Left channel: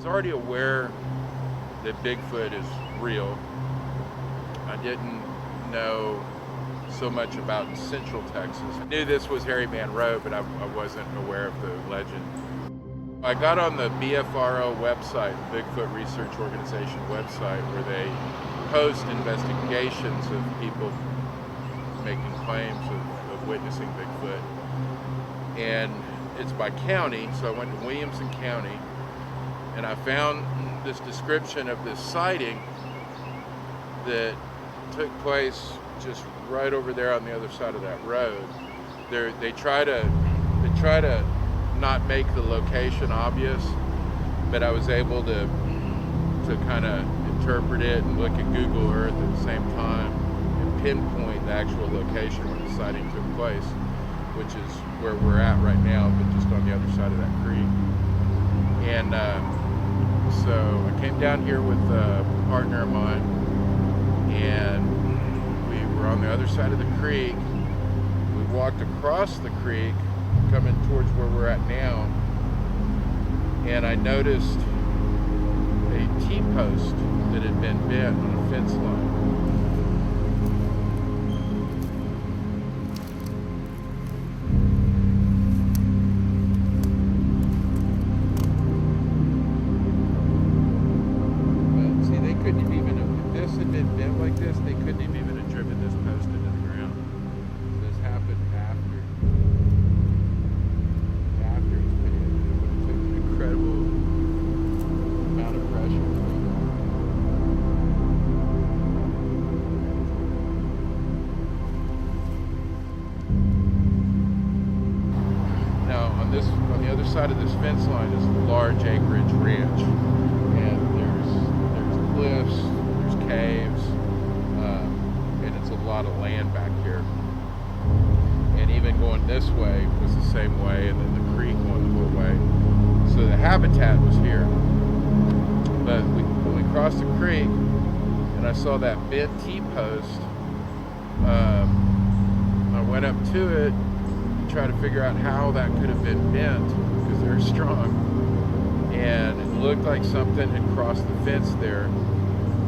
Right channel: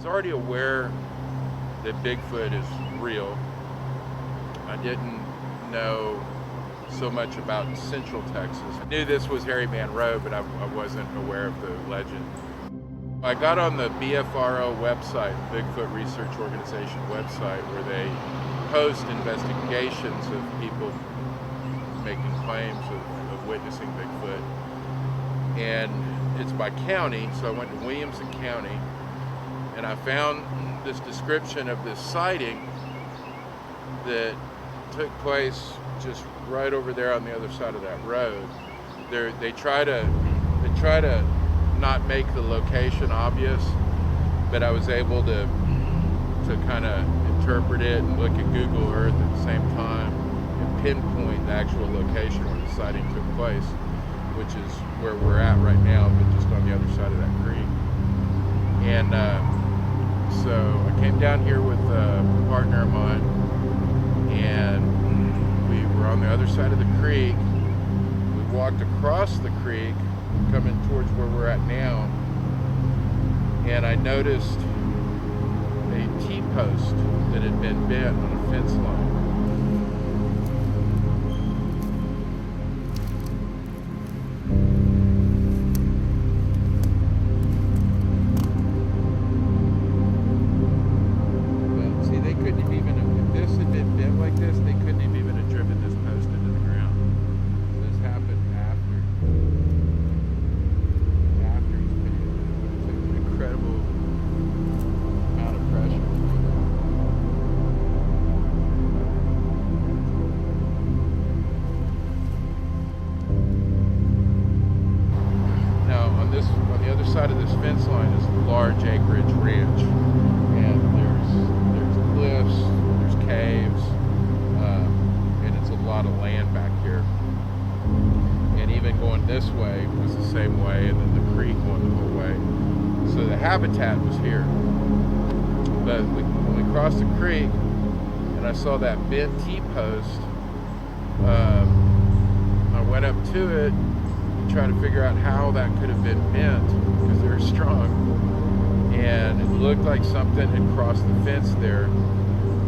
was already aware that Bigfoot is real. I didn't know so much about Central Texas. I knew this was Hairy Man Road, but I wasn't aware of the legend. I got on the BFRO website, Bigfoot Research Organization website, where they post investigations of people making claims of witnessing Bigfoot. And it's by county, so I went to Williamson County, and I found this description of this sighting that took place just right over there on the other side of that road. They try to not make the location obvious, but I was able to kind of interpret it and look at Google Earth at the same time and pinpoint the actual location where the sighting took place, which is where we're at right now, but just on the other side of that creek. And so I came down here with a partner of mine, and we were on the other side of the creek. We walked across the creek, coming towards where we're at now, and I noticed a T-post that had been bent on a fence line. But see, they couldn't have even, if this had been bent like this, they couldn't have even driven this post into the ground. This happened after it's been hit. It would have taken an incredible amount of pressure to do that. Now, on the other side of this fence line is a large acreage ranch, and there's cliffs, there's caves, and it's a lot of land back here. And even going this way was the same way, and then the creek going the whole way. So the habitat was here. But when we crossed the creek and I saw that bent T-post, I went up to it to try to figure out how that could have been bent, because they're strong. And it looked like something had crossed the fence there.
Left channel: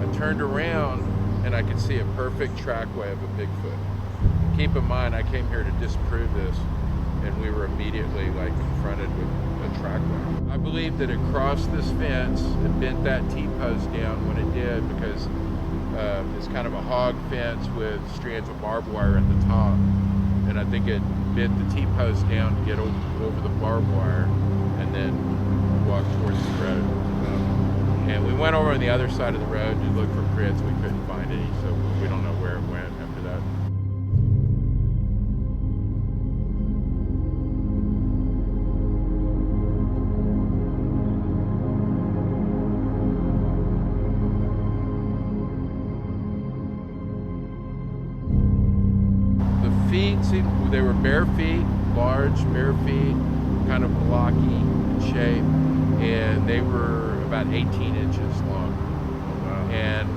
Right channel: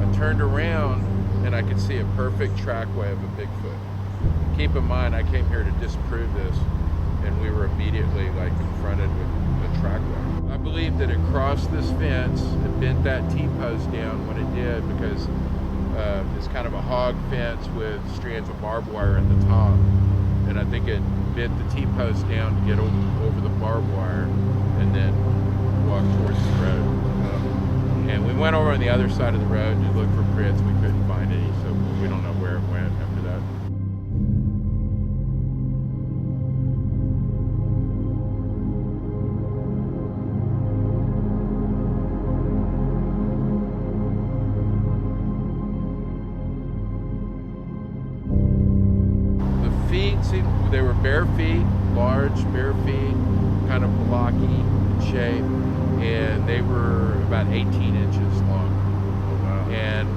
I turned around and I could see a perfect trackway of a Bigfoot. Keep in mind, I came here to disprove this, and we were immediately confronted with a trackway. I believe that it crossed this fence, it bent that T-post down when it did, because it's kind of a hog fence with strands of barbed wire at the top, and I think it bent the T-post down to get over the barbed wire and then walk towards the road. And we went over on the other side of the road to look for prints. We couldn't find any, so we don't know where it went after that. Feet they were bare feet, large bare feet, kind of blocky in shape, and they were about 18 inches long. Oh, wow. And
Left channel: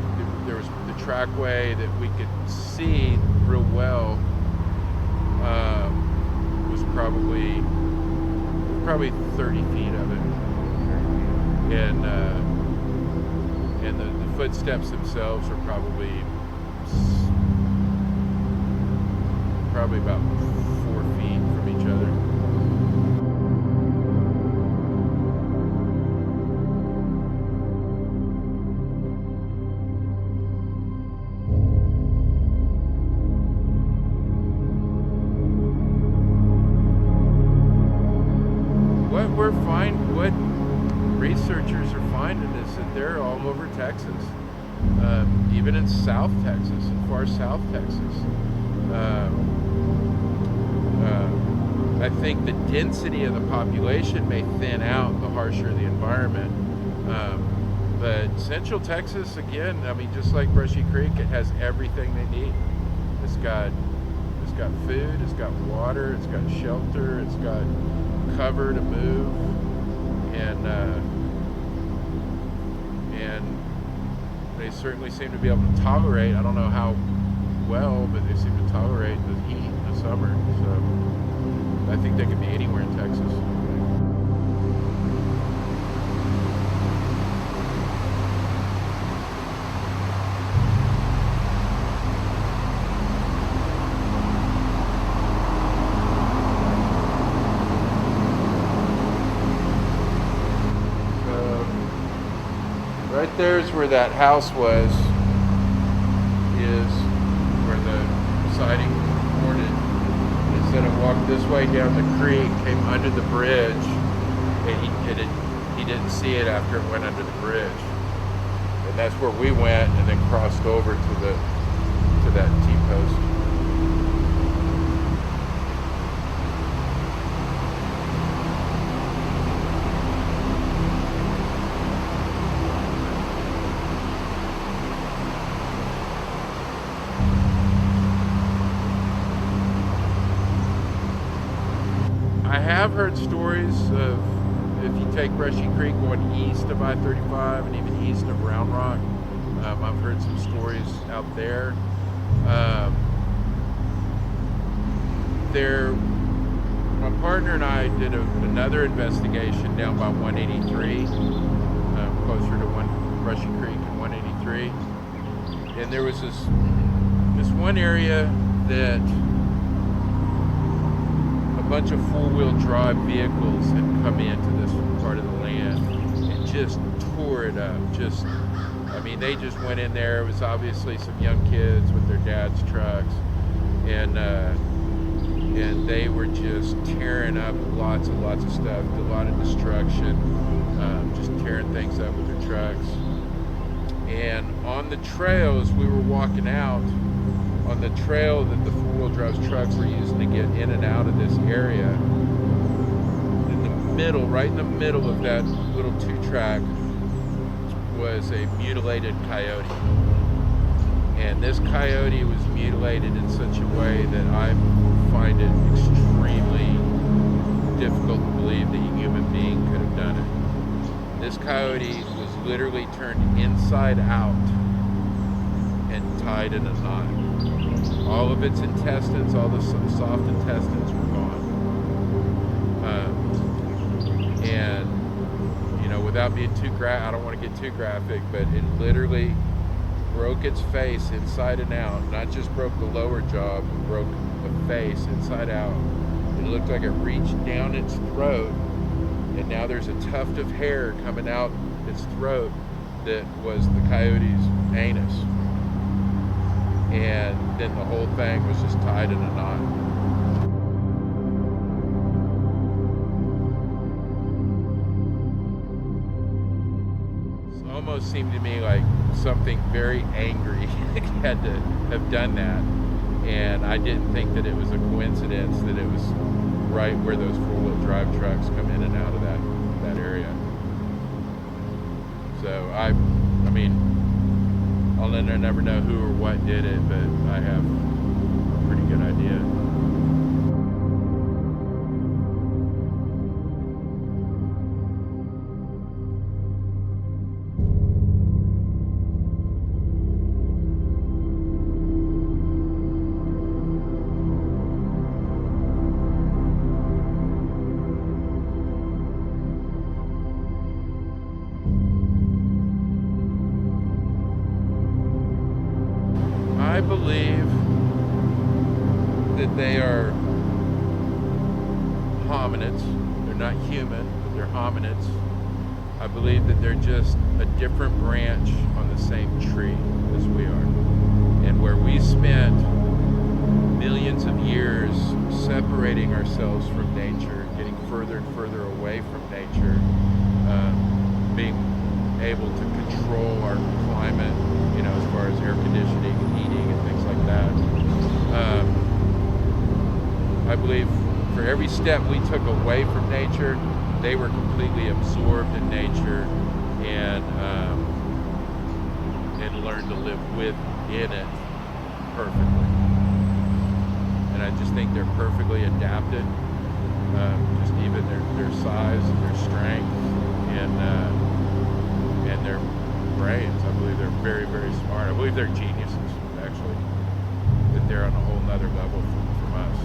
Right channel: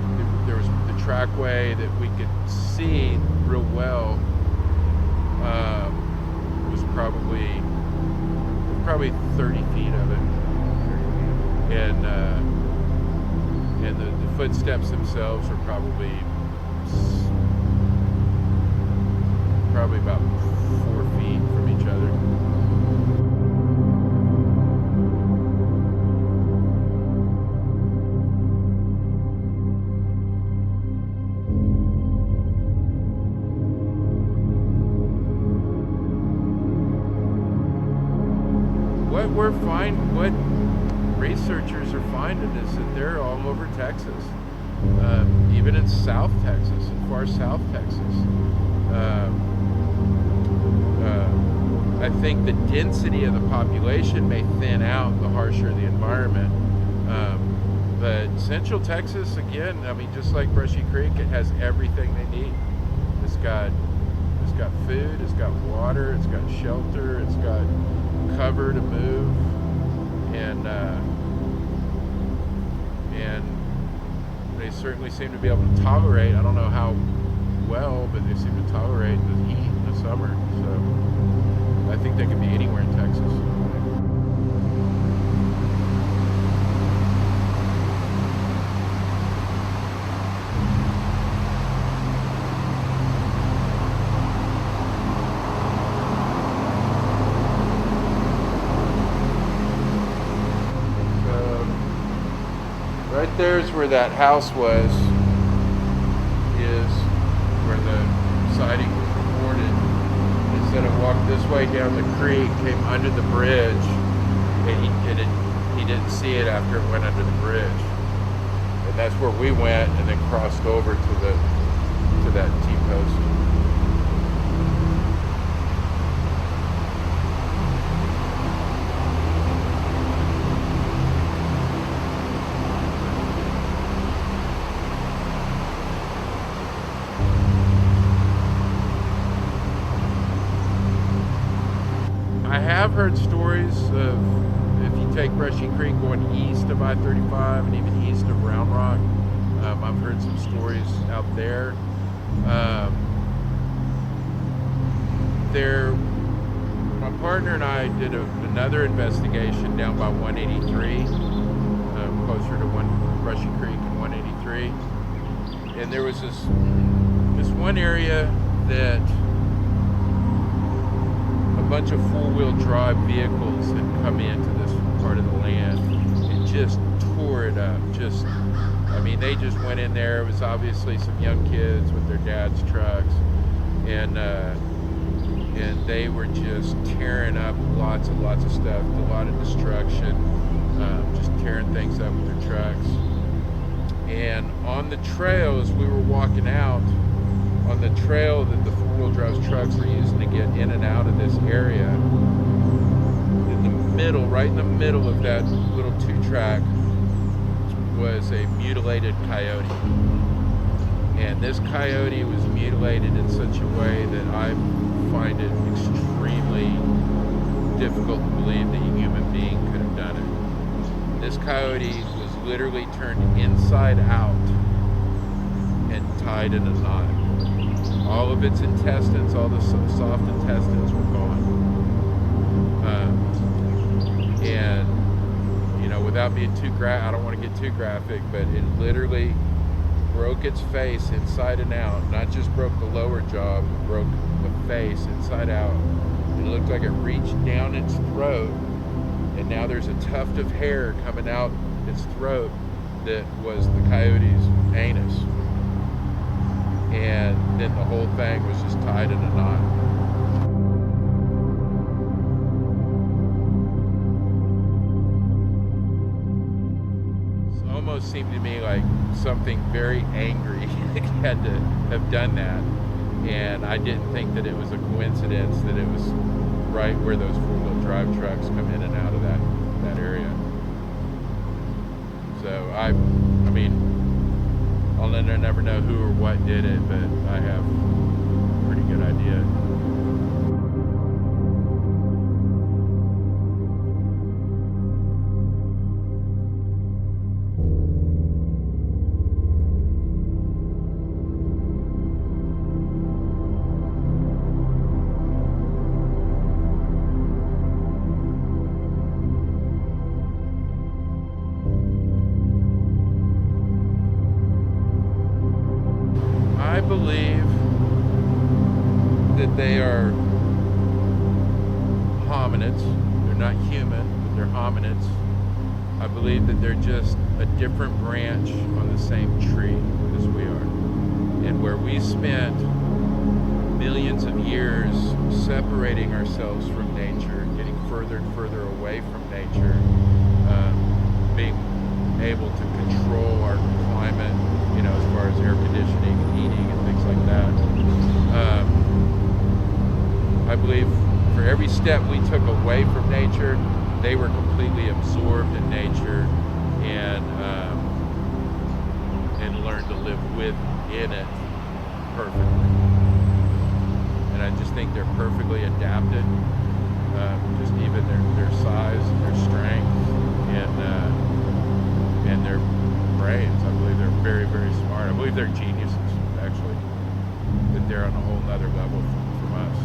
there was the trackway that we could see real well, was probably 30 feet of it, and the footsteps themselves are probably about 4 feet from each other. What researchers are finding is that they're all over Texas, even in South Texas, in far South Texas. I think the density of the population may thin out the harsher the environment. But Central Texas, again, I mean, just like Brushy Creek, it has everything they need. It's got food, it's got water, it's got shelter, it's got cover to move, and they certainly seem to be able to tolerate, I don't know how well, but they seem to tolerate the heat in the summer. So I think they could be anywhere in Texas. Right there's where that house was, is where the sighting was reported. They said it walked this way down the creek, came under the bridge, and he didn't see it after it went under the bridge. And that's where we went, and then crossed over to that T-post. I have heard stories of, if you take Brushy Creek going east of I-35 and even east of Round Rock, I've heard some stories out there. My partner and I did another investigation down by 183, closer to Brushy Creek and 183, and there was this one area that a bunch of four-wheel drive vehicles had come into this part of the land and just tore it up. They just went in there. It was obviously some young kids with their dad's trucks, and they were just tearing up lots of stuff, a lot of destruction, just tearing things up with their trucks. And on the trails, we were walking out on the trail that the four-wheel drive trucks were using to get in and out of this area. Right in the middle of that little two-track was a mutilated coyote. And this coyote was mutilated in such a way that I find it extremely difficult to believe that a human being could have done it. This coyote was literally turned inside out and tied in a knot. All of its intestines, all the soft intestines were gone. And, without being too I don't want to get too graphic, but it literally broke its face inside and out. Not just broke the lower jaw, but broke the face inside out. It looked like it reached down its throat, and now there's a tuft of hair coming out its throat that was the coyote's anus. And then the whole thing was just tied in a knot. It almost seemed to me like something very angry had to have done that. And I didn't think that it was a coincidence that it was right where those four-wheel drive trucks come in and out of that area. So I'll never know who or what did it, but I have a pretty good idea. I believe that they are hominids. They're not human, but they're hominids. I believe that they're just a different branch on the same tree as we are. And where we spent millions of years separating ourselves from nature, getting further and further away from nature, being able to control our climate, as far as air conditioning and heating and things like that. I believe for every step we took away from nature, they were completely absorbed in nature and learned to live within it perfectly. And I just think they're perfectly adapted, just even their size and their strength and their brains. I believe they're very, very smart. I believe they're geniuses, actually, that they're on a whole nother level from us.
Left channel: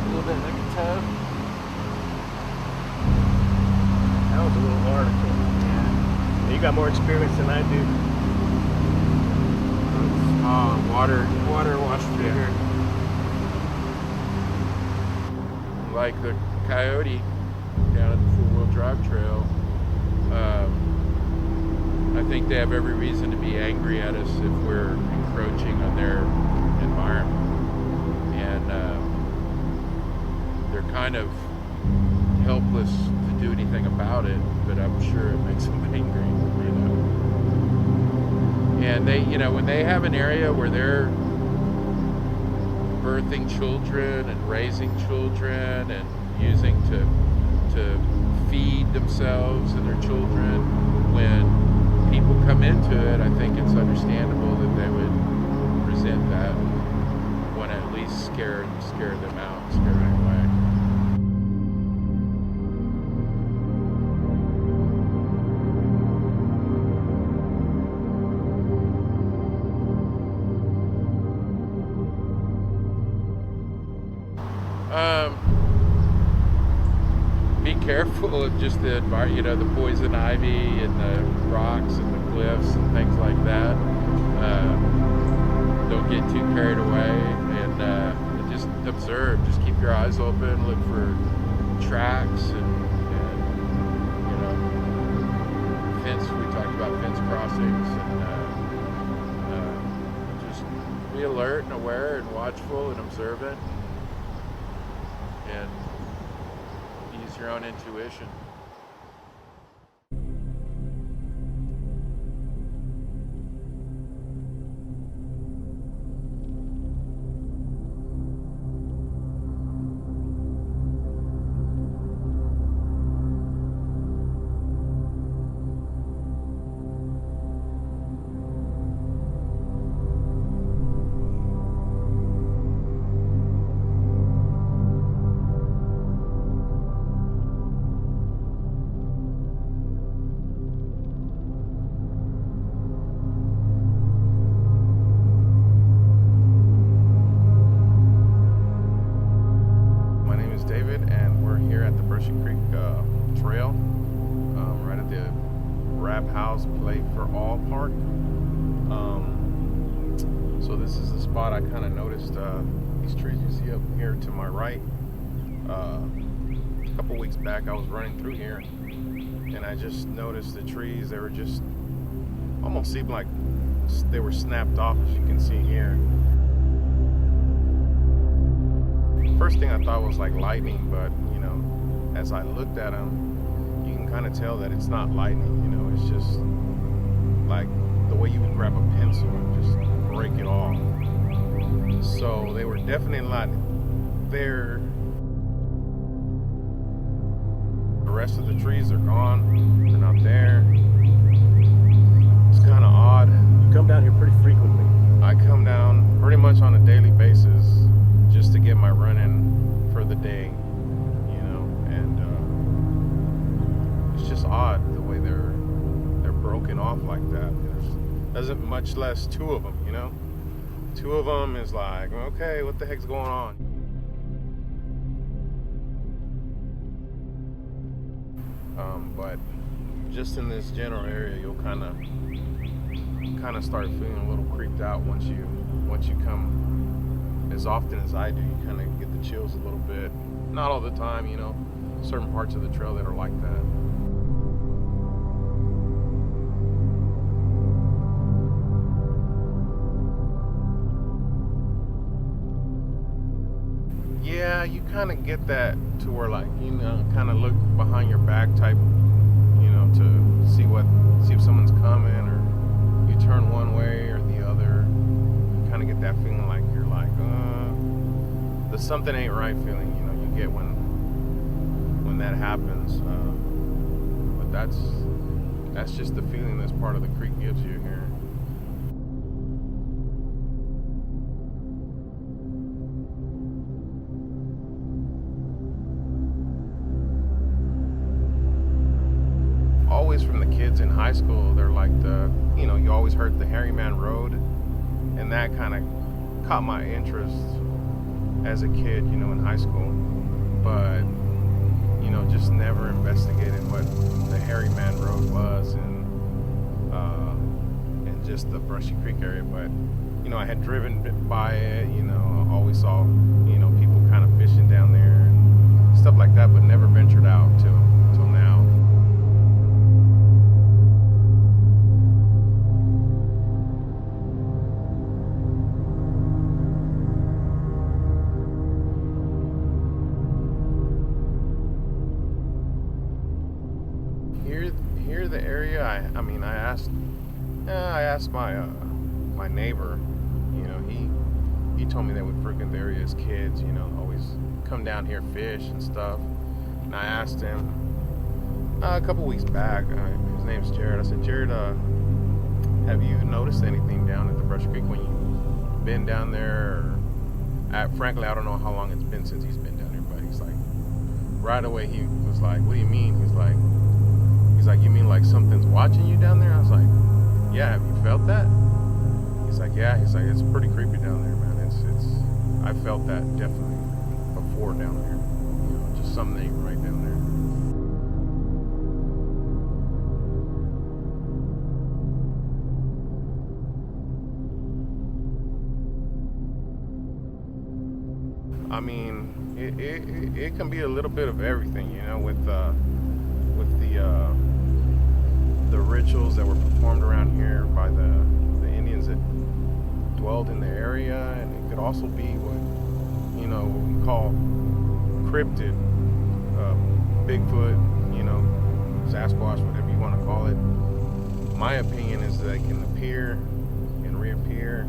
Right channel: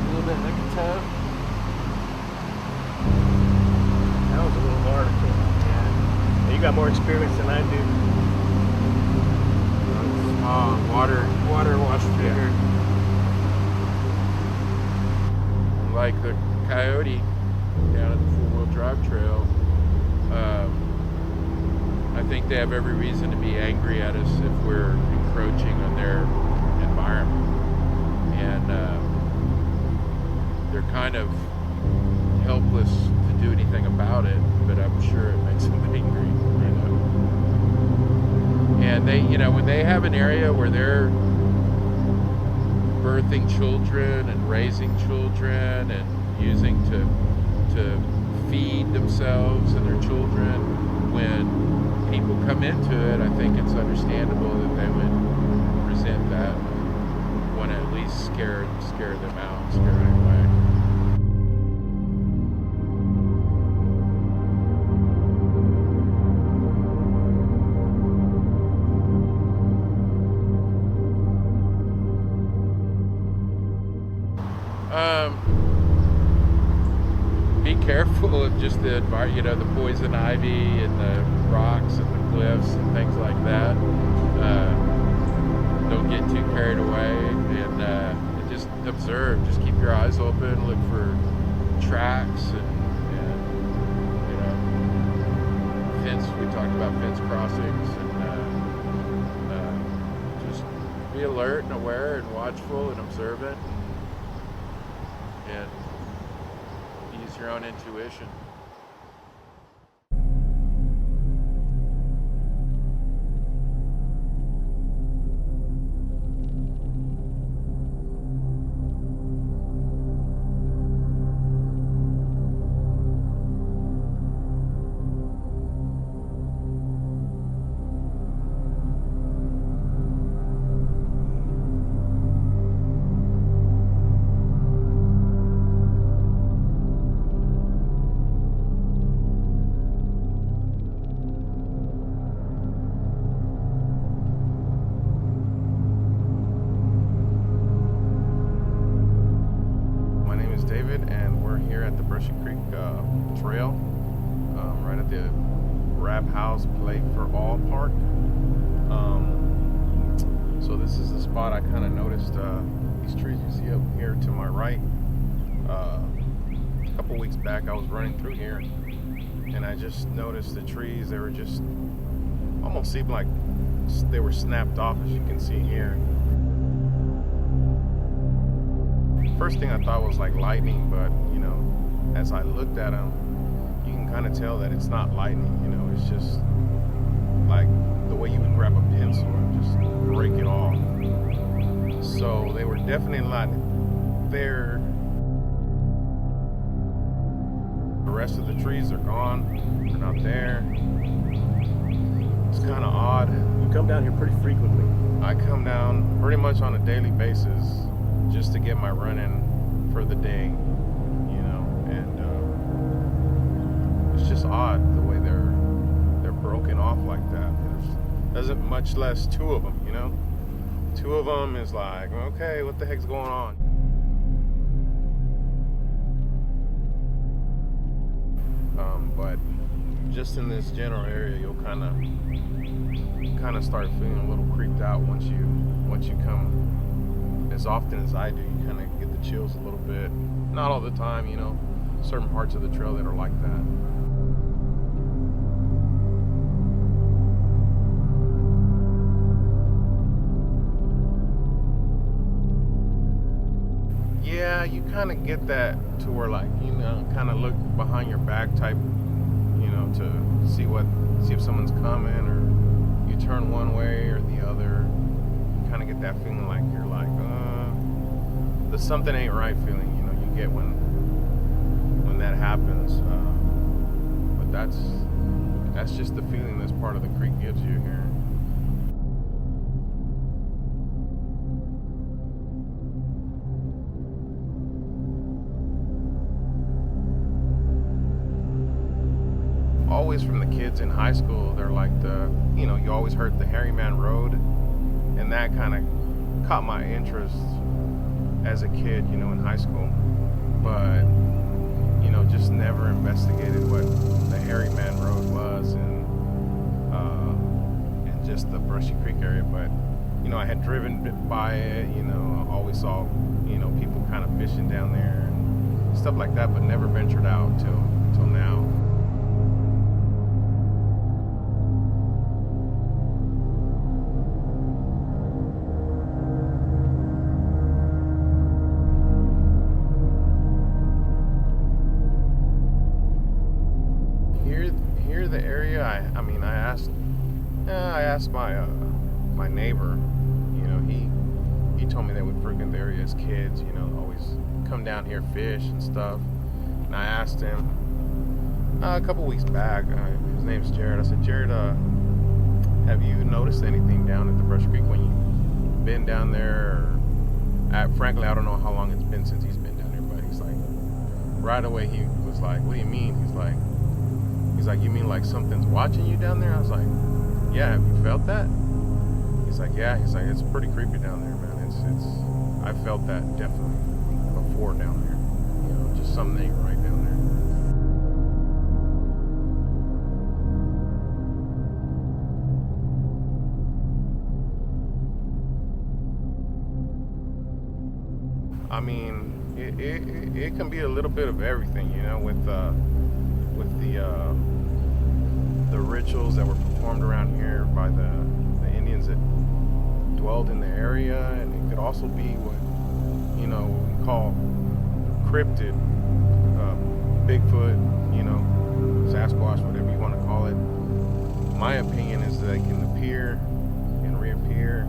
A little bit like a toe. That was a little hard. Yeah. You got more experience than I do. Water washed through here. like the coyote down at the four-wheel drive trail, I think they have every reason to be angry at us if we're encroaching on their environment. And they're kind of helpless to do anything about it, but I'm sure it makes them angry, you know. And they, you know, when they have an area where they're birthing children and raising children and using to feed themselves and their children, when people come into it, I think it's understandable that they would resent that, want to at least scare them out, scare them away. Be careful of just the environment, you know, the poison ivy and the rocks and the cliffs and things like that. Don't get too carried away, and just observe. Just keep your eyes open. Look for tracks and you know, fence. We talked about fence crossings, and just be alert and aware and watchful and observant, and use your own intuition. David, and we're here at the Brushy Creek Trail, right at the Rap House Play for All Park. So this is the spot I kind of noticed these trees you see up here to my right. A couple weeks back I was running through here and I just noticed the trees. They were just almost seemed like they were snapped off, as you can see here. First thing I thought was like lightning, but you know, as I looked at them, you can kind of tell that it's not lightning. You know, it's just like the way you would grab a pencil and just break it off. So they were definitely not there. The rest of the trees are gone. They're not there. It's kind of odd. You come down here pretty frequently. I come down pretty much on a daily basis, just to get my run in for the day, you know, and it's just odd the way they're broken off like that. Doesn't much less two of them, you know. Two of them is like, okay, what the heck's going on? But just in this general area, you'll kind of start feeling a little creeped out once you come. As often as I do, you kind of get the chills a little bit. Not all the time, you know. Certain parts of the trail that are like that. Yeah, you kind of get that to where, like, you know, kind of look behind your back type, you know, to see if someone's coming, or you turn one way or the other. You kind of get that feeling like you're like, the something ain't right feeling, you know, you get when that happens. But that's just the feeling this part of the creek gives you here. Always from the kids in high school, they're like you know, you always heard the Hairy Man Road, and that kind of caught my interest as a kid, you know, in high school. But, you know, just never investigated what the Hairy Man Road was, and just the Brushy Creek area. But, you know, I had driven by it, you know, always saw, you know, people kind of fishing down there and stuff like that, but never ventured out till now. Here the area, I asked my neighbor, he told me they would frequent the area as kids, always come down here, fish and stuff. And I asked him a couple weeks back, his name's Jared. I said, Jared, have you noticed anything down at the Brush Creek when you've been down there? Frankly, I don't know how long it's been since he's been down there, but he's like, right away he was like, what do you mean? He's like, you mean like something's watching you down there? I was like, yeah, have you felt that? He's like, yeah. He's like, it's pretty creepy down there, man. I felt that definitely before down there. Just something ain't right down there. I mean, it can be a little bit of everything, with the rituals that were performed around here by the Indians that dwelled in the area, and it could also be what we call cryptid, Bigfoot, Sasquatch, whatever you want to call it. My opinion is that they can appear and reappear.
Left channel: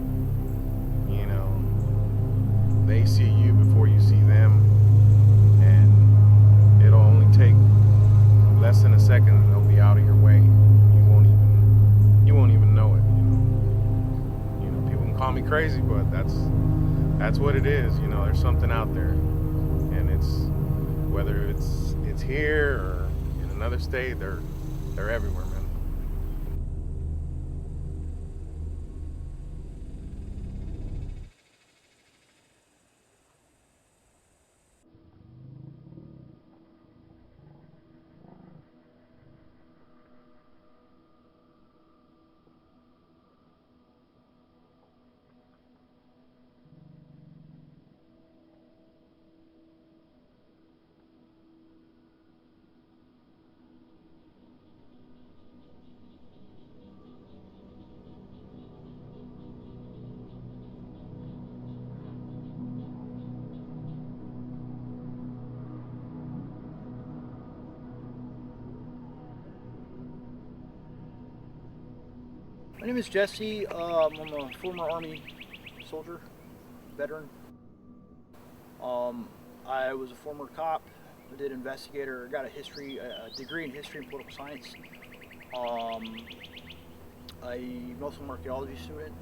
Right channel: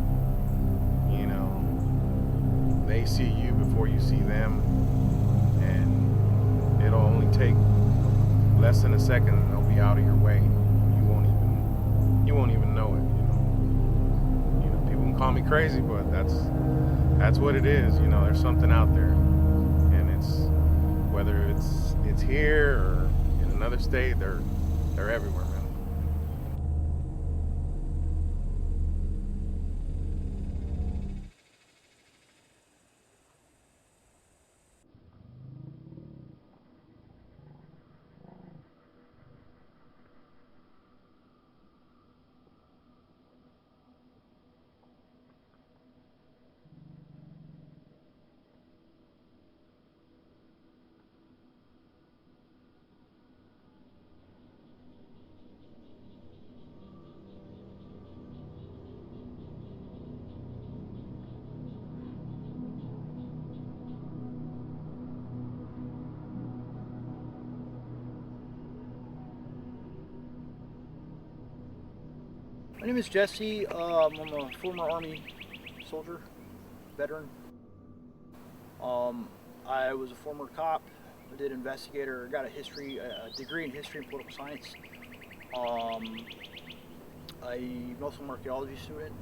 They see you before you see them, and it'll only take less than a second and they'll be out of your way. You won't even know it. People can call me crazy, but that's what it is. There's something out there, and whether it's here or in another state, they're everywhere, man. My name is Jesse. I'm a former Army soldier, veteran. I was a former cop. I did investigator. Got a degree in history and political science. I'm also an archaeology student.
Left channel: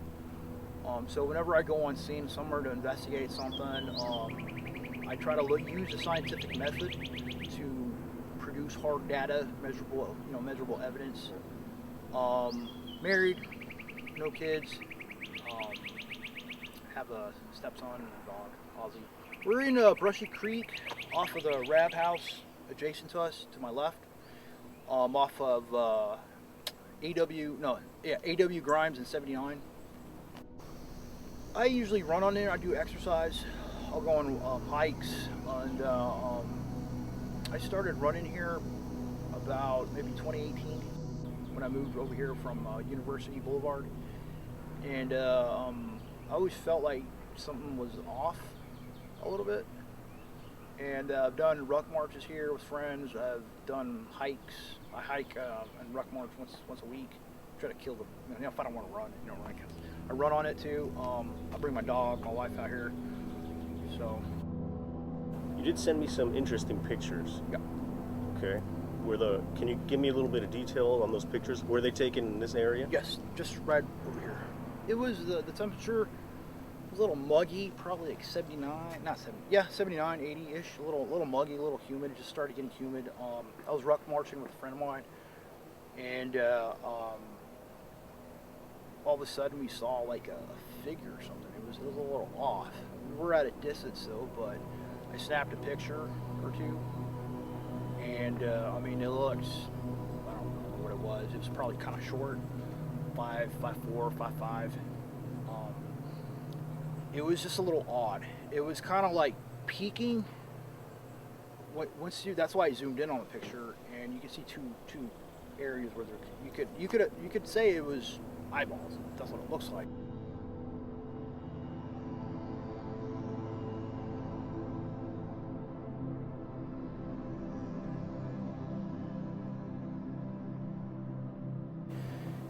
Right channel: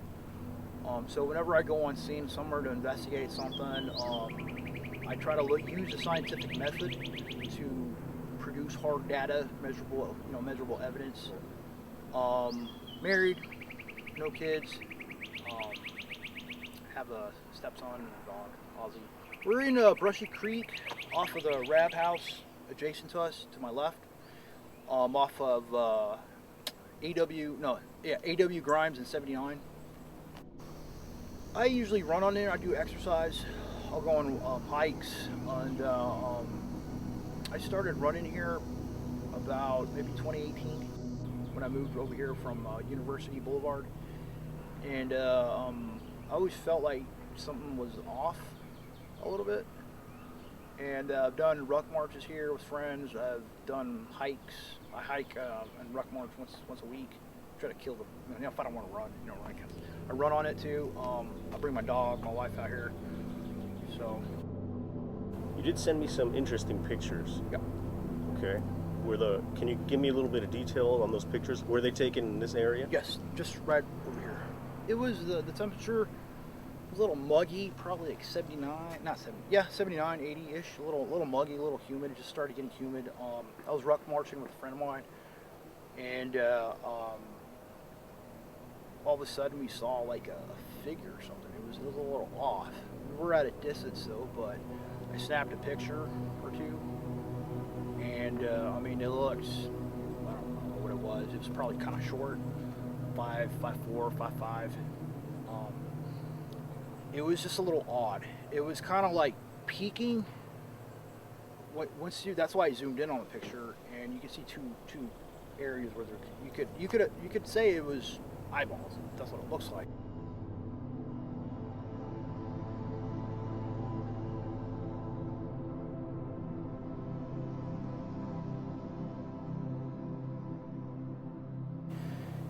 So whenever I go on scene somewhere to investigate something, I try to use the scientific method to produce hard data, measurable evidence. Married, no kids, have a stepson and a dog, Ozzy. We're in Brushy Creek off of the Rab House adjacent to us, to my left, off of AW Grimes and 79. I usually run on there. I do exercise. I'll go on hikes, and I started running here about maybe 2018 when I moved over here from University Boulevard, and I always felt like something was off a little bit. And I've done ruck marches here with friends. I've done hikes. I hike and ruck march once a week. Try to kill them. If I don't want to run, I run on it too. I bring my dog, my wife out here. So. You did send me some interesting pictures. Yeah. Okay. Can you give me a little bit of detail on those pictures? Were they taken in this area? Yes, just right over here. It was the temperature was a little muggy, probably like 79, 80-ish, a little muggy, a little humid. It just started getting humid. I was ruck marching with a friend of mine, and all of a sudden we saw like a figure or something. It was a little off. We were at a distance though, but I snapped a picture or two. And it looked, I don't know what it was. It was probably kind of short, 5'4", 5'5". It was just a little odd. It was kind of like peeking That's why I zoomed in on the picture, and you can see two areas where you could say it was eyeballs. That's what it looks like.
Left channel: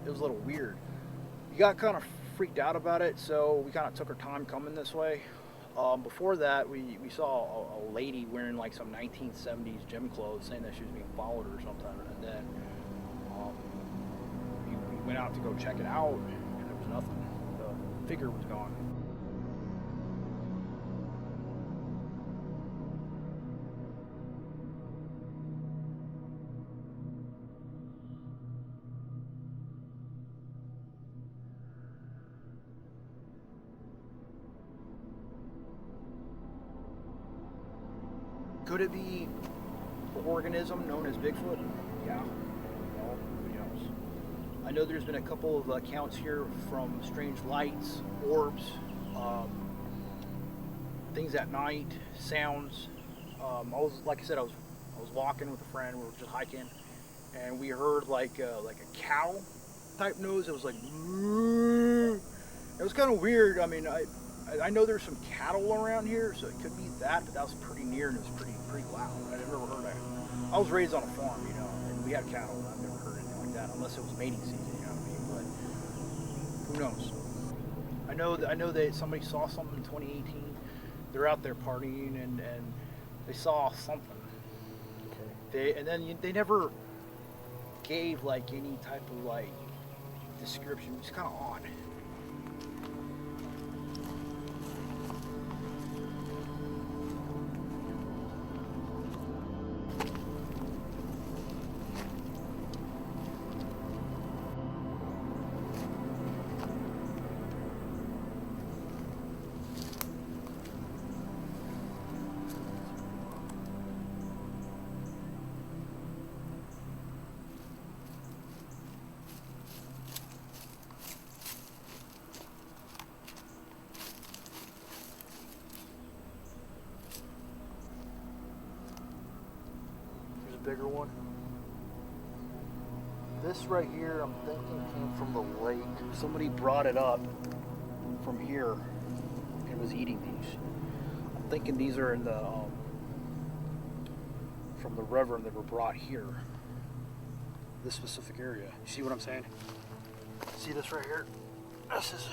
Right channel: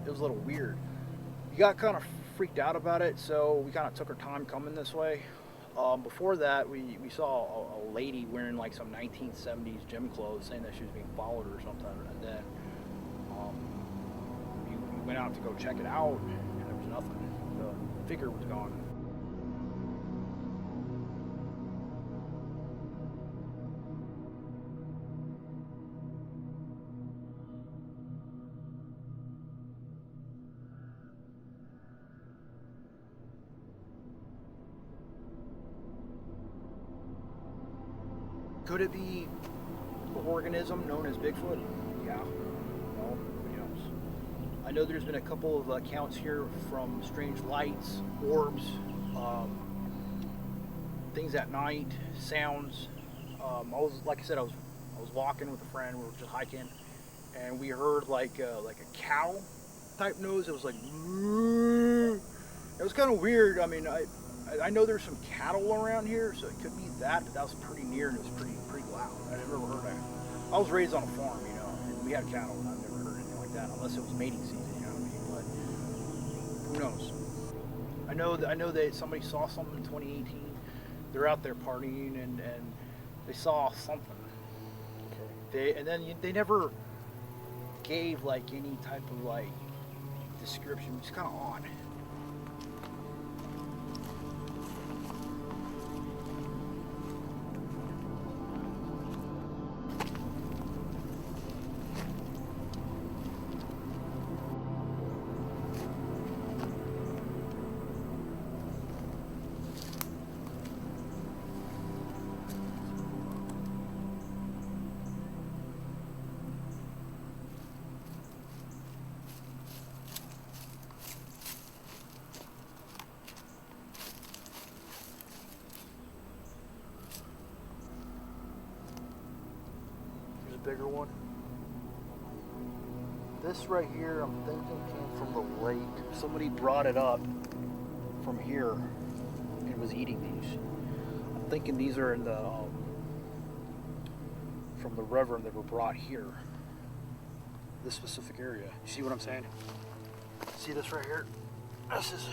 It was a little weird. We got kind of freaked out about it, so we kind of took our time coming this way. Before that, we saw a lady wearing like some 1970s gym clothes, saying that she was being followed or something. And then we went out to go check it out, and there was nothing. The figure was gone. Could it be an organism known as Bigfoot? Yeah. No. Nobody knows. I know there's been a couple of accounts here from strange lights, orbs, things at night, sounds. Like I said, I was walking with a friend. We were just hiking, and we heard like a cow type noise. It was like, it was kind of weird. I mean, I know there's some cattle around here, so it could be that, but that was pretty near and it was pretty loud. I've never heard that. I was raised on a farm, you know, and we had cattle, and I've never heard anything like that, unless it was mating season, you know what I mean? But who knows? I know that somebody saw something in 2018. They're out there partying, and they saw something. Okay. They never gave like any type of like description. It's kind of odd. Bigger one. This right here, I'm thinking came from the lake. Somebody brought it up from here and was eating these. I'm thinking these are in the from the river, and they were brought here. This specific area. You see what I'm saying? See this right here? This is.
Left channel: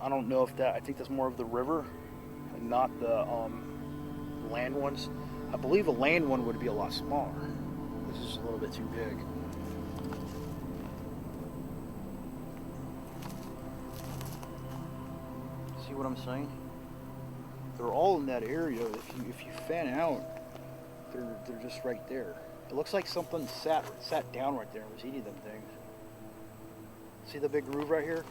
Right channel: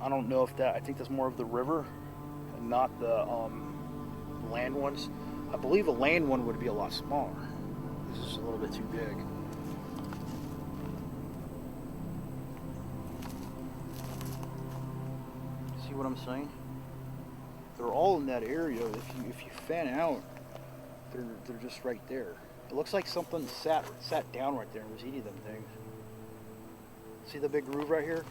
I don't know if that. I think that's more of the river, and not the land ones. I believe a land one would be a lot smaller. This is a little bit too big. See what I'm saying? They're all in that area. If you fan out, they're just right there. It looks like something sat down right there and was eating them things. See the big groove right here?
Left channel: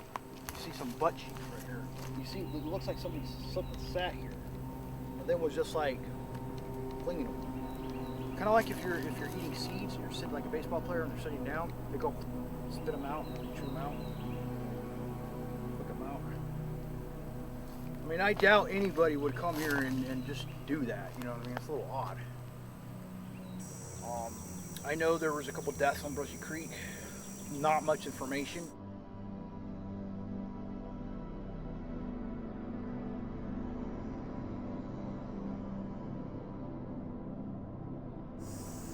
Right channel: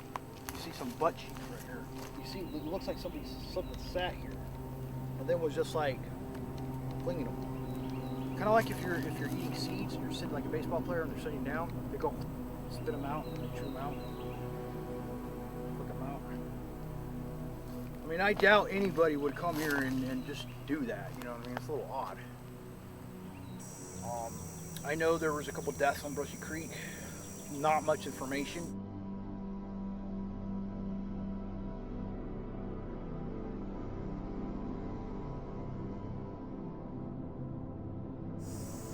You see some butt cheeks right here. You see, it looks like something sat here, and then was just like clinging them. Kind of like if you're eating seeds and you're sitting like a baseball player and they're sitting down, they go spit them out and they chew them out, cook them out. I mean, I doubt anybody would come here and just do that. You know what I mean? It's a little odd. I know there was a couple deaths on Brushy Creek. Not much information.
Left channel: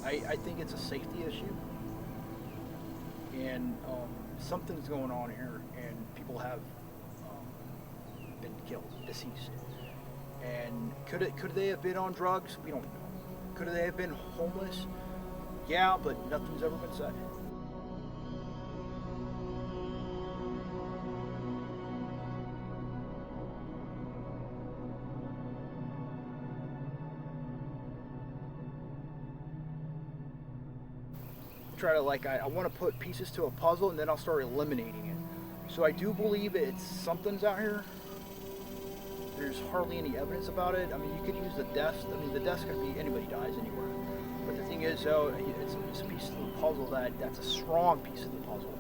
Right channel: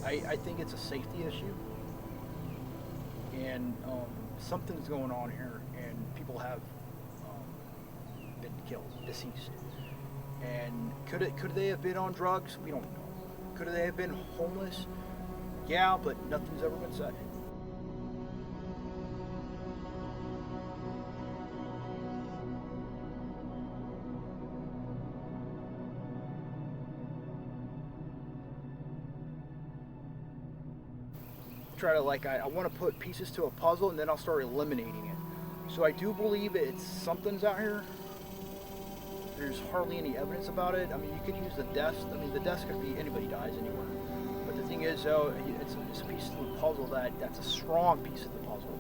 I think it's a safety issue, and something's going on here, and people have been killed, deceased. And could they have been on drugs? We don't know. Could they have been homeless? Yeah, but nothing's ever been said. Try to I want to put pieces to a puzzle, and then I'll start eliminating it. So I do believe it's something's out here. There's hardly any evidence about it. I mean, you could use the deaths. I mean, the deaths could be anybody dies anywhere. But the thing is, though, it's a piece of the puzzle that's a strong piece of the puzzle.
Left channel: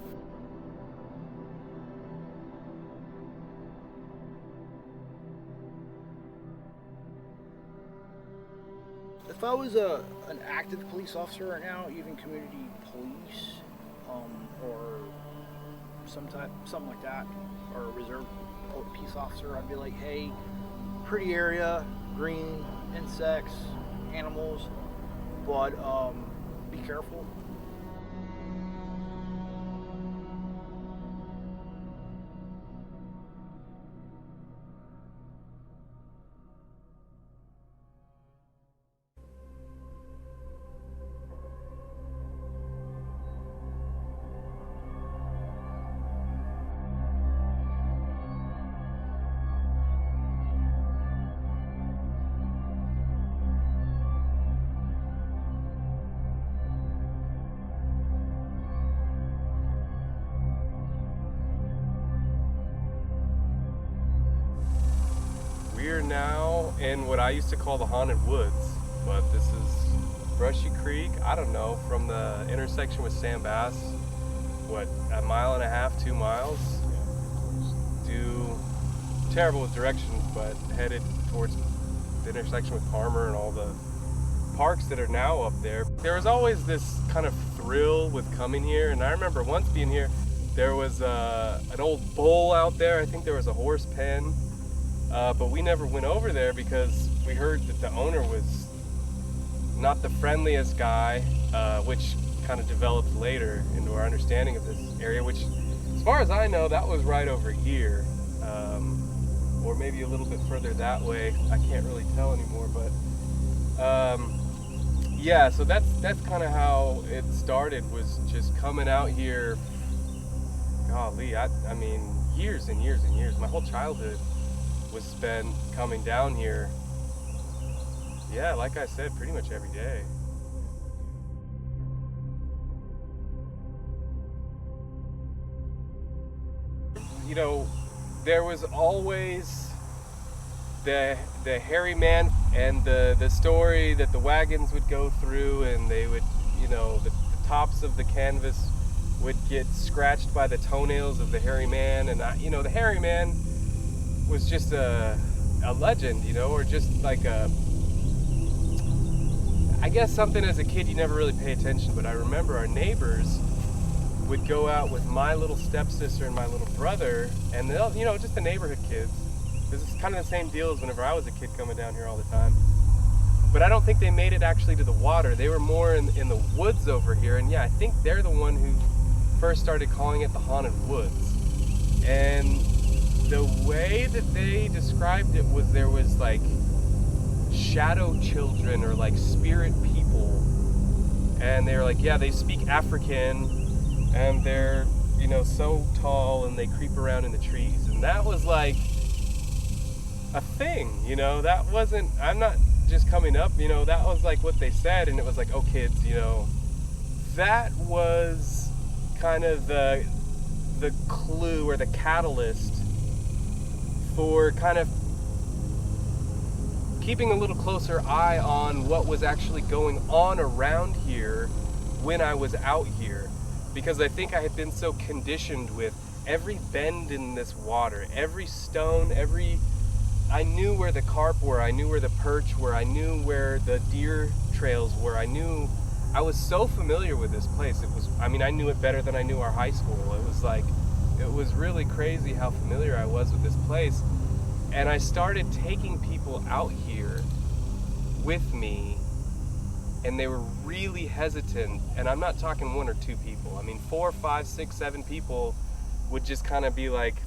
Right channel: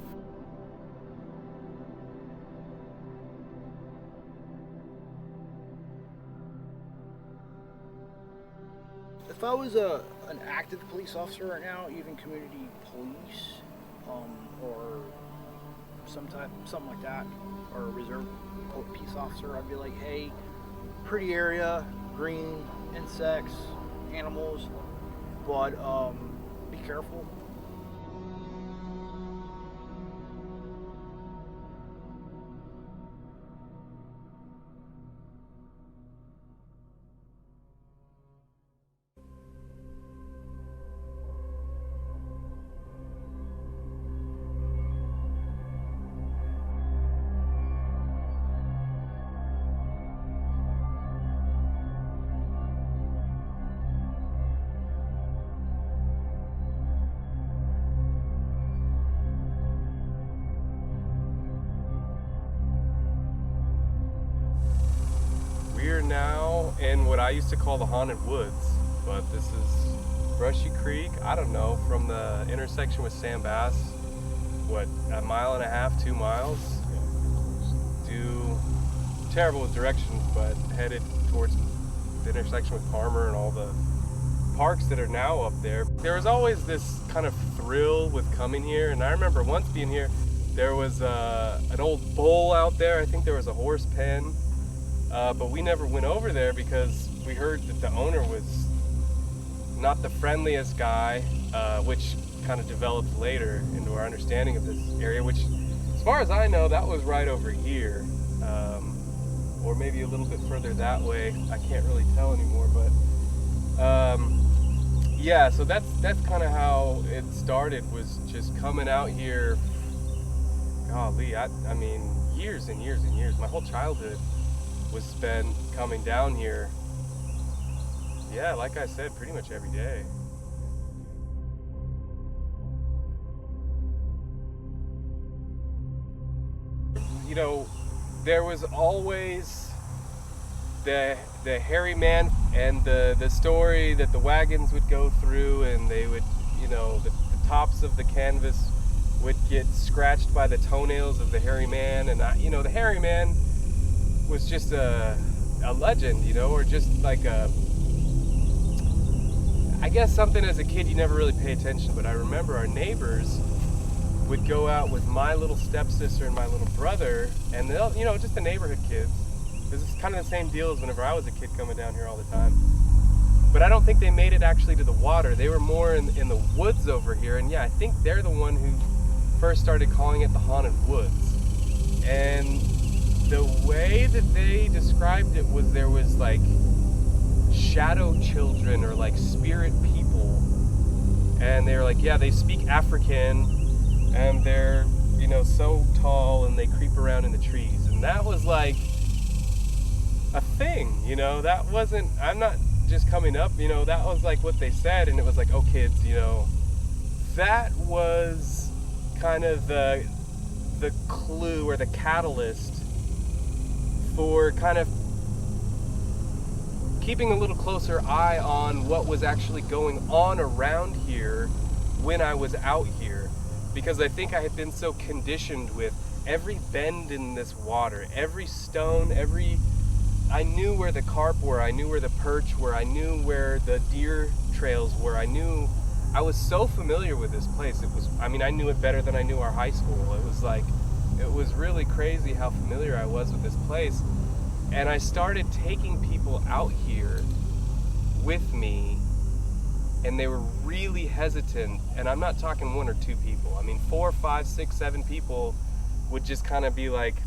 If I was an active police officer right now, even community police, or something like that, or a reserve peace officer, I'd be like, hey, pretty area, green, insects, animals, but be careful. We're now in what I used to call the haunted woods, but this is Brushy Creek. I don't know, from the intersection with Sam Bass, what, a mile and a half, 2 miles? Terrible with directions, but headed towards the intersection with Palmer and all the parks that are now up there. There was always this kind of thrill with coming here, and I remember once being here, there was an old bull out there. I think there was a horse pen. But we never went over there because we heard that the owner was not the friendliest guy, which kind of developed later into our understanding of this area, which, as far as I know, that was right over here, or maybe a little bit further that way. I can't really tell anymore, but yeah, so that's kind of how it started, was just coming out here. Golly, I mean, years and years and years. My whole childhood was spent coming down here. Yeah, like I said, pretty much every day. You know, there was always the hairy man and the story that the wagons would go through, and they would, you know, the tops of the canvas would get scratched by the toenails of the hairy man, and you know, the hairy man was just a legend, you know, or just like I guess something as a kid you never really pay attention. But I remember our neighbors would go out with my little stepsister and my little brother, and they'll, you know, just the neighborhood kids. This is kind of the same deal as whenever I was a kid coming down here all the time. But I don't think they made it actually to the water. They were more in the woods over here, and yeah, I think they're the one who first started calling it the haunted woods. And the way that they described it was there was like shadow children or like spirit people, and they were like, yeah, they speak African and they're, you know, so tall and they creep around in the trees. And that was like a thing, you know, that wasn't, I'm not just coming up, you know, that was like what they said. And it was like, oh kids, you know, that was kind of the clue or the catalyst for kind of keeping a little closer eye on what was actually going on around here when I was out here. Because I think I had been so conditioned with every bend in this water, every stone, I knew where the carp were, I knew where the perch were, I knew where the deer trails were, I was so familiar with this place. It was, I mean, I knew it better than I knew our high school. It was like, it was really crazy how familiar I was with this place. And I started taking people out here with me, and they were really hesitant. And I'm not talking 1 or 2 people. I mean, 4, 5, 6, 7 people would just kind of be like,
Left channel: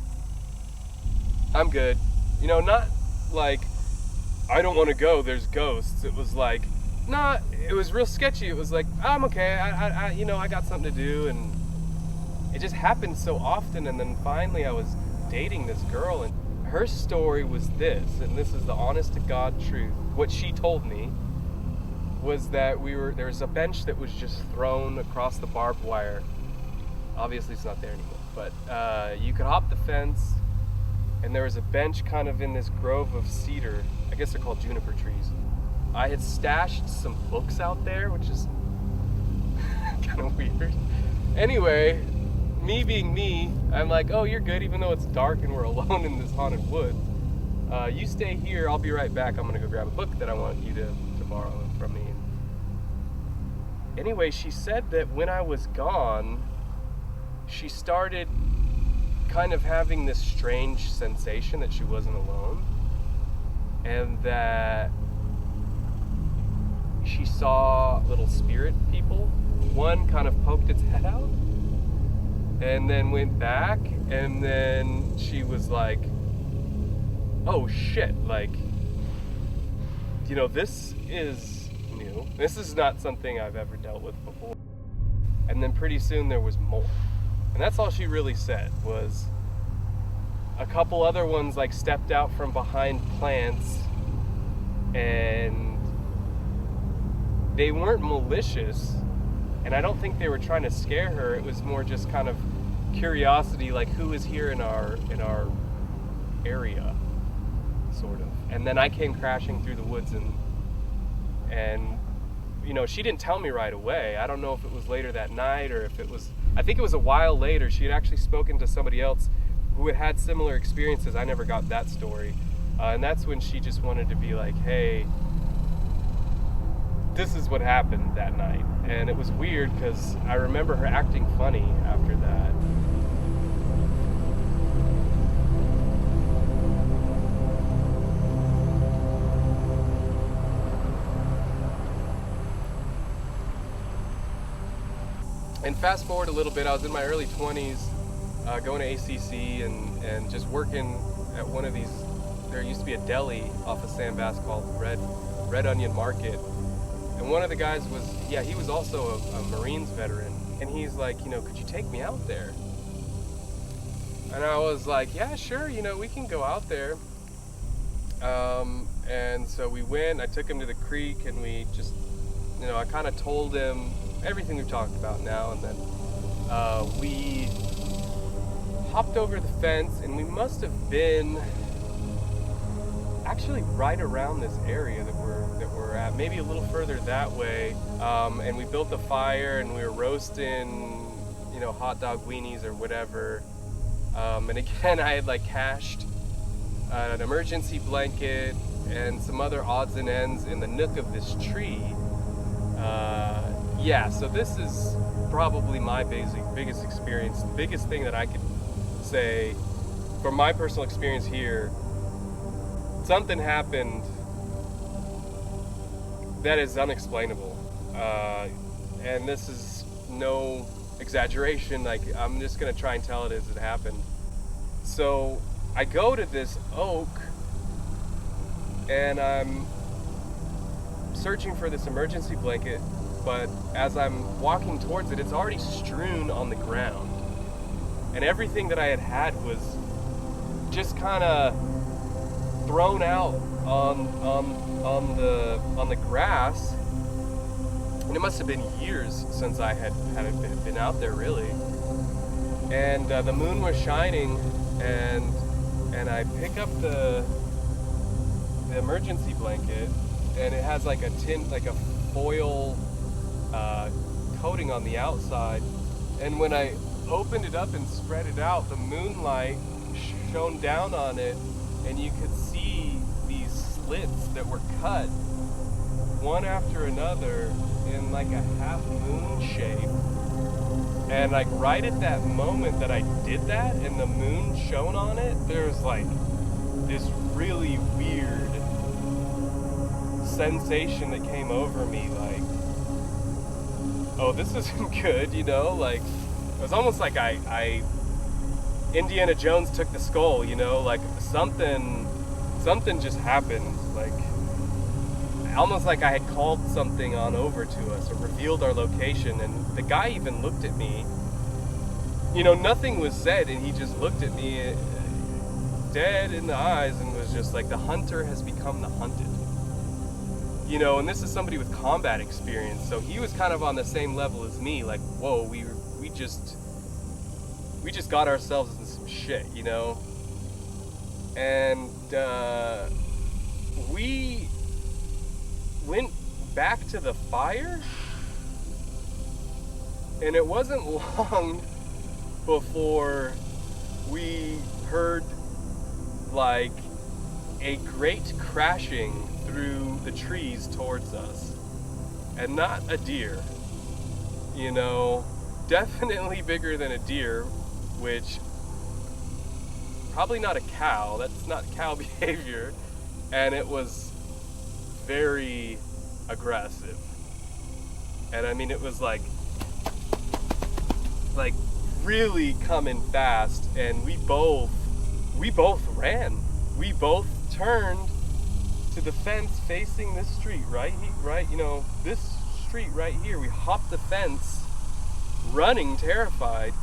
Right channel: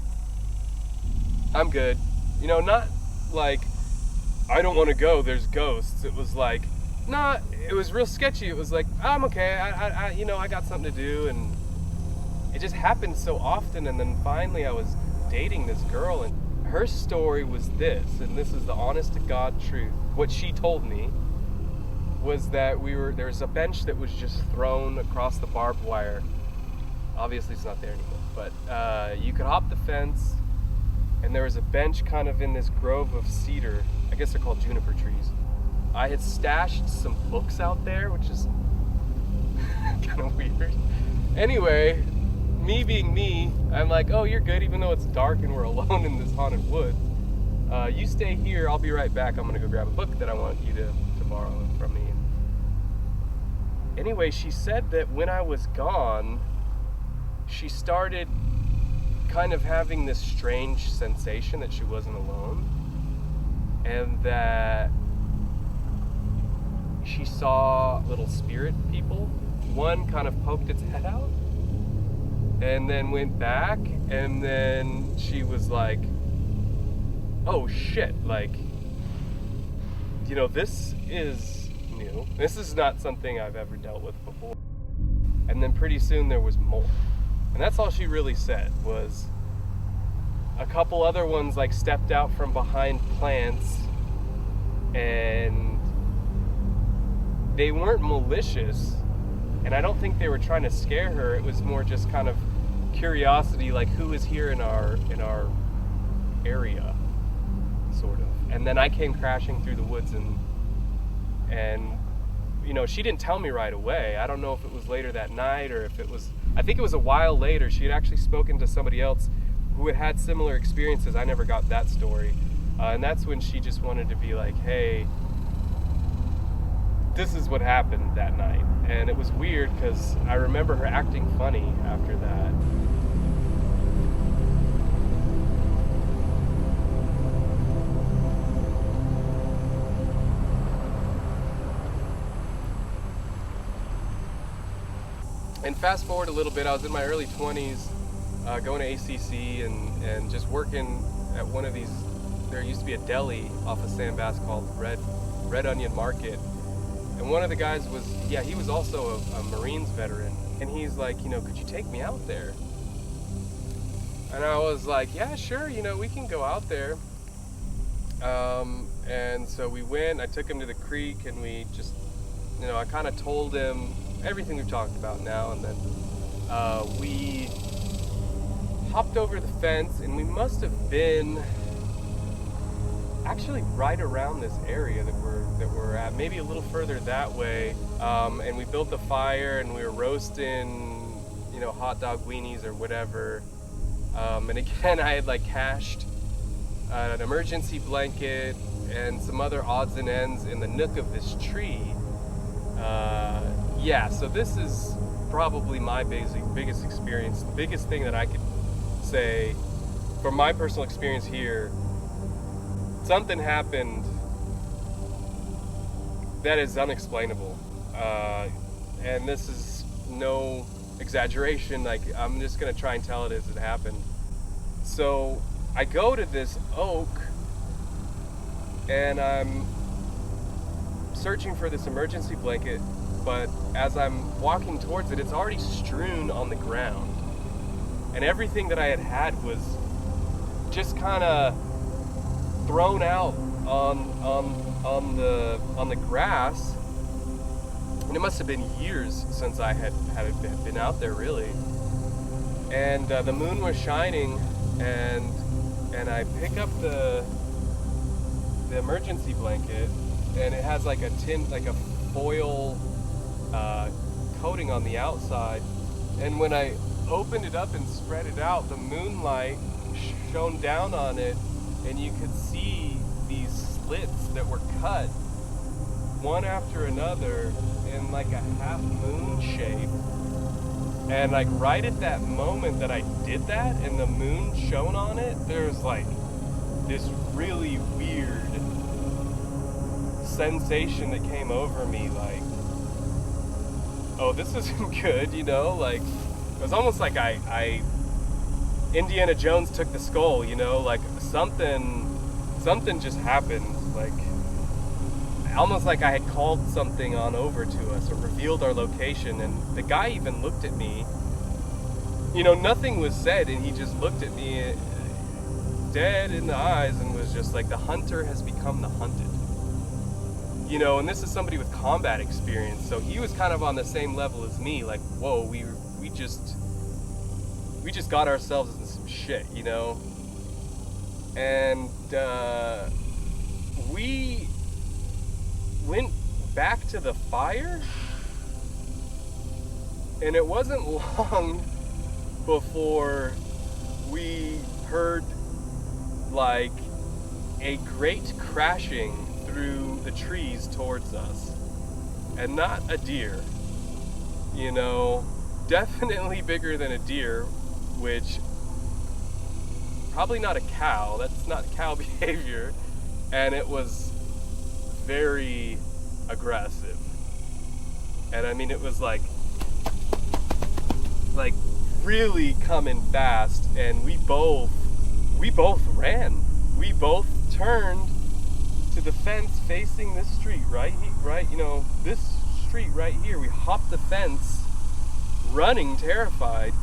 I'm good. You know, not like, I don't want to go, there's ghosts. It was like, nah, it was real sketchy. It was like, I'm okay, I you know, I got something to do. And it just happened so often. And then finally I was dating this girl, and her story was this, and this is the honest to God truth. What she told me was that there was a bench that was just thrown across the barbed wire. Obviously it's not there anymore, but you could hop the fence, and there was a bench kind of in this grove of cedar. I guess they're called juniper trees. I had stashed some books out there, which is kind of weird. Anyway, me being me, I'm like, oh, you're good, even though it's dark and we're alone in this haunted woods. You stay here, I'll be right back. I'm gonna go grab a book that I want you to borrow them from me. And anyway, she said that when I was gone, she started kind of having this strange sensation that she wasn't alone, and that she saw little spirit people. One kind of poked its head out and then went back, and then she was like, oh shit, like, you know, this is new. This is not something I've ever dealt with before. And then pretty soon there was more. And that's all she really said. Was a couple other ones like stepped out from behind plants, and they weren't malicious, and I don't think they were trying to scare her. It was more just kind of curiosity, like who is here in our area, sort of. And then I came crashing through the woods, and you know, she didn't tell me right away. I don't know if it was later that night or if it was, I think it was a while later. She had actually spoken to somebody else who had had similar experiences. I never got that story. And that's when she just wanted to be like, hey, this is what happened that night. And it was weird because I remember her acting funny after that. And fast forward a little bit, I was in my early 20s, going to ACC and just working at one of these. There used to be a deli off of San Bass called Red Onion Market. And one of the guys was, yeah, he was also a Marines veteran. And he's like, you know, could you take me out there? And I was like, yeah, sure, you know, we can go out there. And so we went, I took him to the creek, and we just, you know, I kind of told him everything we've talked about now, and then we hopped over the fence, and we must have been actually right around this area that we're at, maybe a little further that way. And we built a fire, and we were roasting, you know, hot dog weenies or whatever. And again, I had like cached an emergency blanket and some other odds and ends in the nook of this tree. Yeah, so this is probably my biggest experience. The biggest thing that I could say from my personal experience here, something happened that is unexplainable. And this is no exaggeration, like I'm just gonna try and tell it as it happened. So I go to this oak, and I'm searching for this emergency blanket, but as I'm walking towards it, it's already strewn on the ground. And everything that I had was just kind of thrown out on the grass. And it must have been years since I had been out there, really. And the moon was shining, and I pick up the emergency blanket, and it has like a foil coating on the outside. And when I opened it up and spread it out, the moonlight shone down on it, and you could see these slits that were cut one after another in like a half moon shape. And like right at that moment that I did that and the moon shone on it, there's like this really weird sensation that came over me, like, oh, this isn't good, you know? Like, it was almost like I Indiana Jones took the skull, you know? Like something just happened, like almost like I had called something on over to us or revealed our location. And the guy even looked at me, you know, nothing was said, and he just looked at me dead in the eyes and was just like, the hunter has become the hunted. You know, and this is somebody with combat experience, so he was kind of on the same level as me, like, whoa, we just got ourselves into some shit, you know? And we went back to the fire, and it wasn't long before we heard like a great crashing through the trees towards us. And not a deer, you know, definitely bigger than a deer, which probably not a cow. That's not cow behavior. And it was very aggressive. And I mean, it was like really coming fast, and we both ran. We both turned to the fence facing this street, right, you know, this street right here. We hopped the fence, running, terrified,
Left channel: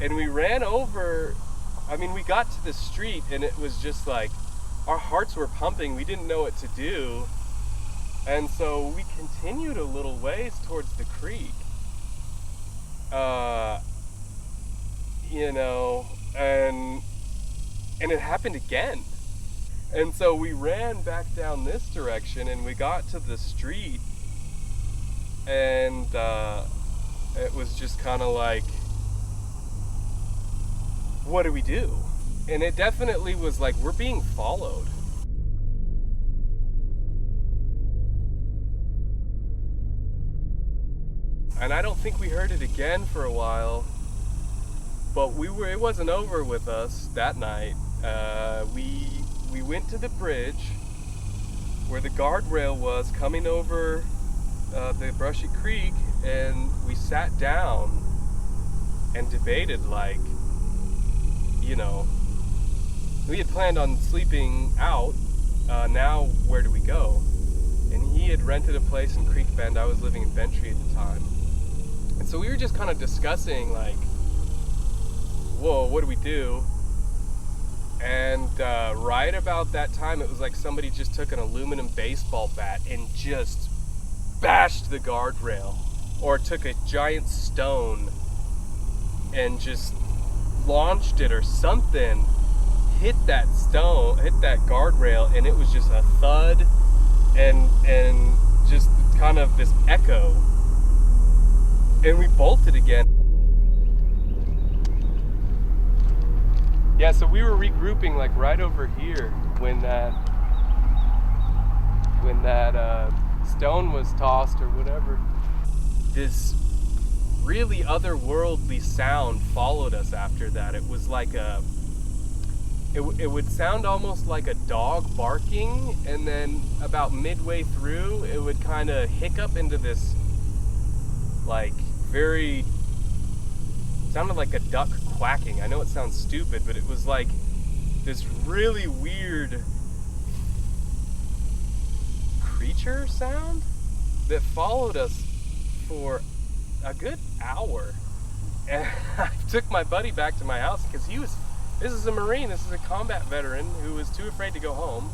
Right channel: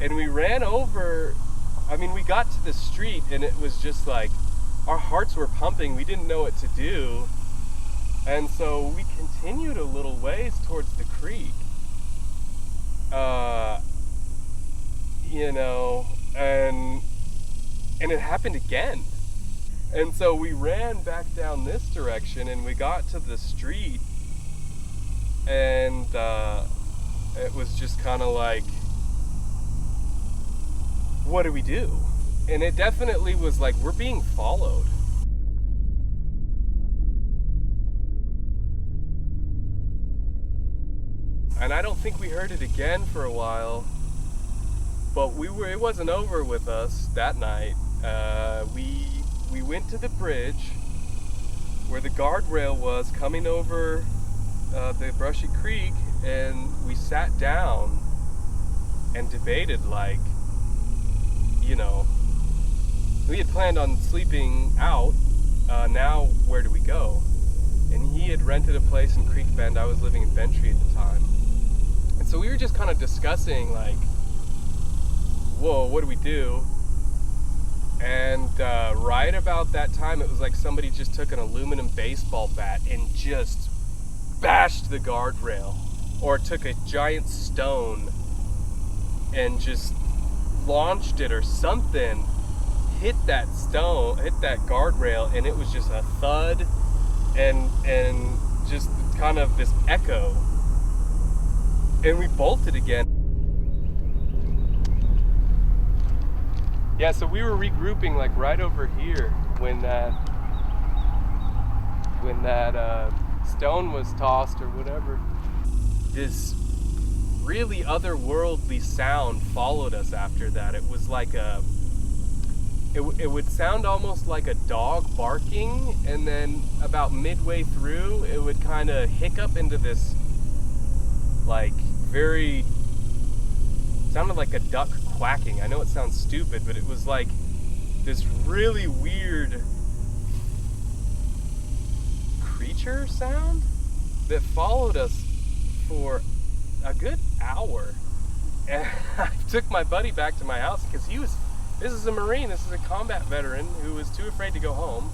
and we ran over. I mean, we got to the street, and it was just like, our hearts were pumping. We didn't know what to do. And so we continued a little ways towards the creek. You know, and it happened again. And so we ran back down this direction, and we got to the street, and it was just kind of like, what do we do? And it definitely was like, we're being followed. And I don't think we heard it again for a while, but it wasn't over with us that night. We went to the bridge where the guardrail was coming over the brushy creek, and we sat down and debated, like, you know, we had planned on sleeping out. Now where do we go? And he had rented a place in Creek Bend. I was living in Bentry at the time. And so we were just kind of discussing, like, whoa, what do we do? And right about that time, it was like somebody just took an aluminum baseball bat and just bashed the guardrail, or took a giant stone and just launched it or something, hit that guardrail, and it was just a thud and just kind of this echo. And we bolted again. Yeah, so we were regrouping like right over here when that stone was tossed or whatever. This really otherworldly sound followed us after that. It was like it would sound almost like a dog barking, and then about midway through it would kind of hiccup into this, like, sounded like a duck quacking. I know it sounds stupid, but it was like this really weird creature sound that followed us for a good hour. And I took my buddy back to my house because this is a Marine, this is a combat veteran who was too afraid to go home.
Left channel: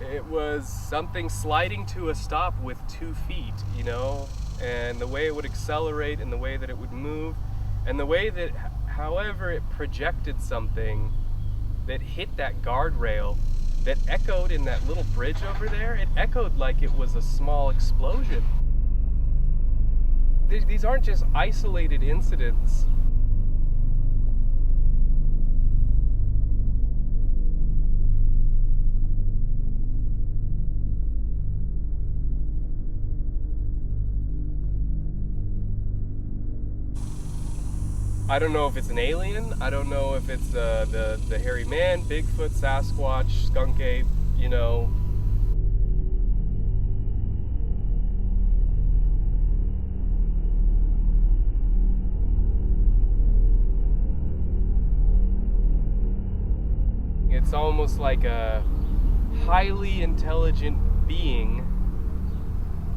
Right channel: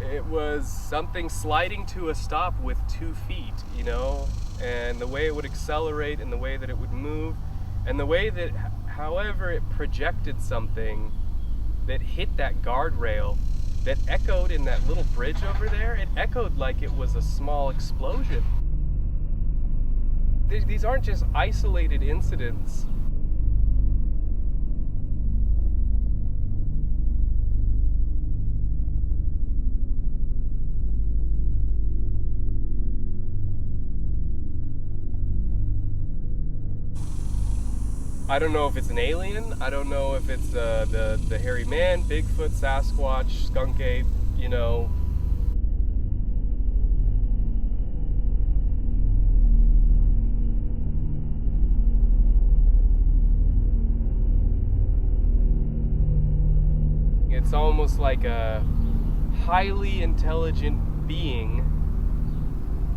It was something sliding to a stop with 2 feet, you know, and the way it would accelerate and the way that it would move and the way that, however, it projected something that hit that guardrail that echoed in that little bridge over there. It echoed like it was a small explosion. These aren't just isolated incidents. I don't know if it's an alien. I don't know if it's the hairy man, Bigfoot, Sasquatch, skunk ape, you know. It's almost like a highly intelligent being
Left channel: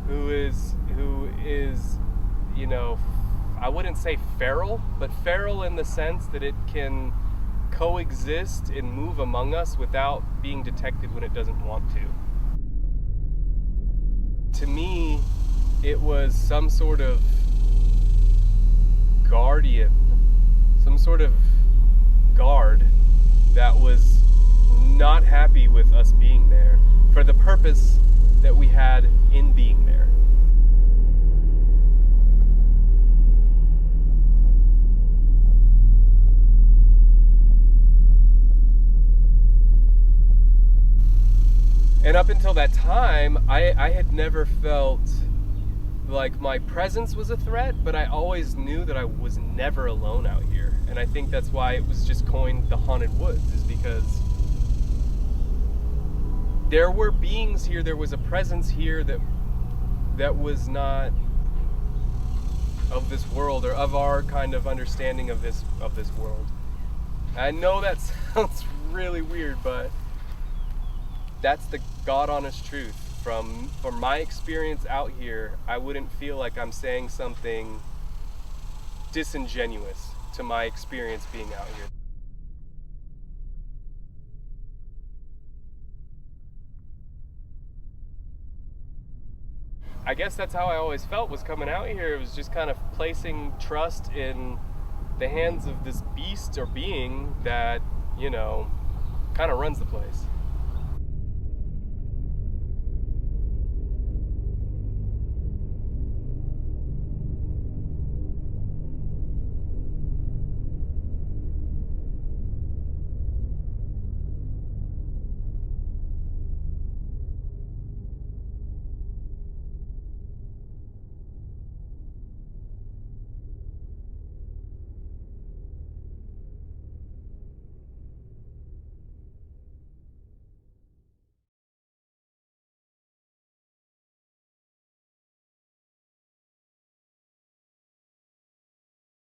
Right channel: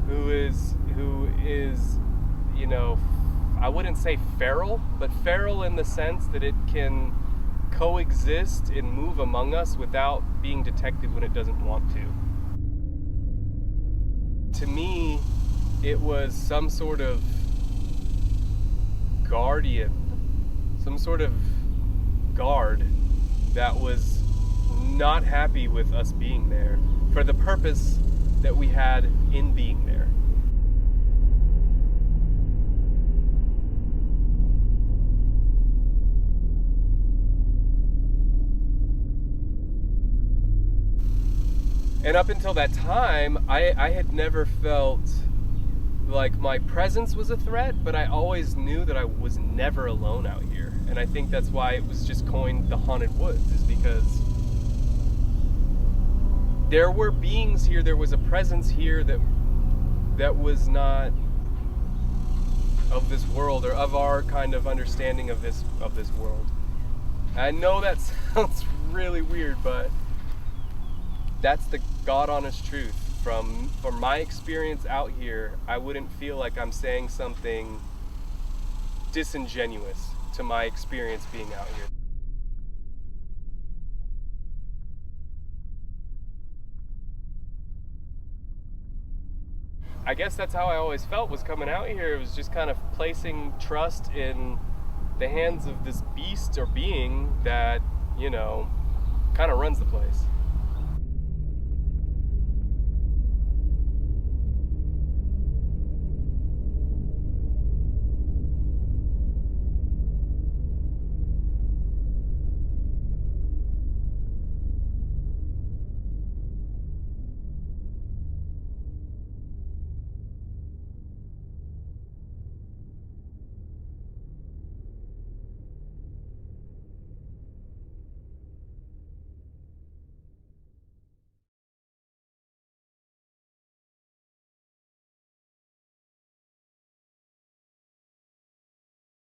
who is, you know, I wouldn't say feral, but feral in the sense that it can coexist and move among us without being detected when it doesn't want to. To me, it was some sort of guardian, some sort of guard that was not happy with us being there for the purpose that we had in being there. And up until that time, I had never felt like my presence was a threat, but I always knew that I was never alone out here. And I think that's why it was just coined the Haunted Woods, is because there were beings here, there was a presence here that was not of this world, or of our kind of understanding of this world. I know that sounds really weird, but that's the God honest truth. From my experience out here, I wouldn't feel like I'm saying something disingenuous to my experience being out here. I guess that's how I always felt was coming out here. It was just kind of placing trust in the hands of this beast or being that, you know, kind of runs the place.